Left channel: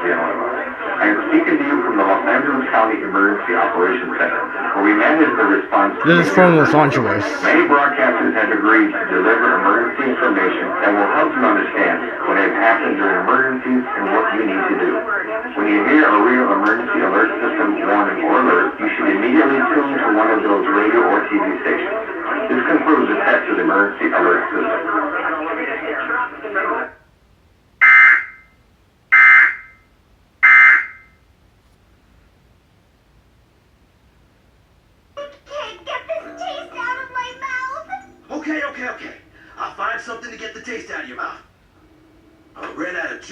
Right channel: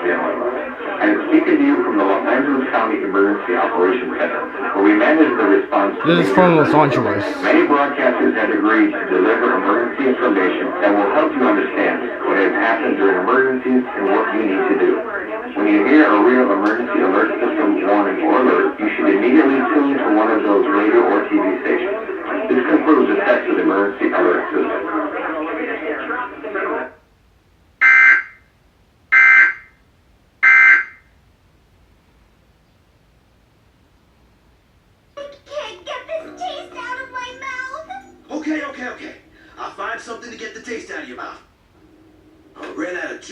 I am speaking to you from the Los Angeles County Emergency Operations Center, where we manage the response to This is from Los Angeles. Many broadcasters have agreed to deliver emergency information that will help you understand what has happened during emergencies and what you need to do. When you hear a real emergency alert system warning or alert, you should immediately tune to one of those radio or TV stations. This concludes the test of the emergency alert system. Okay. I'll find something to get the taste out of your mouth. I ran out of juice.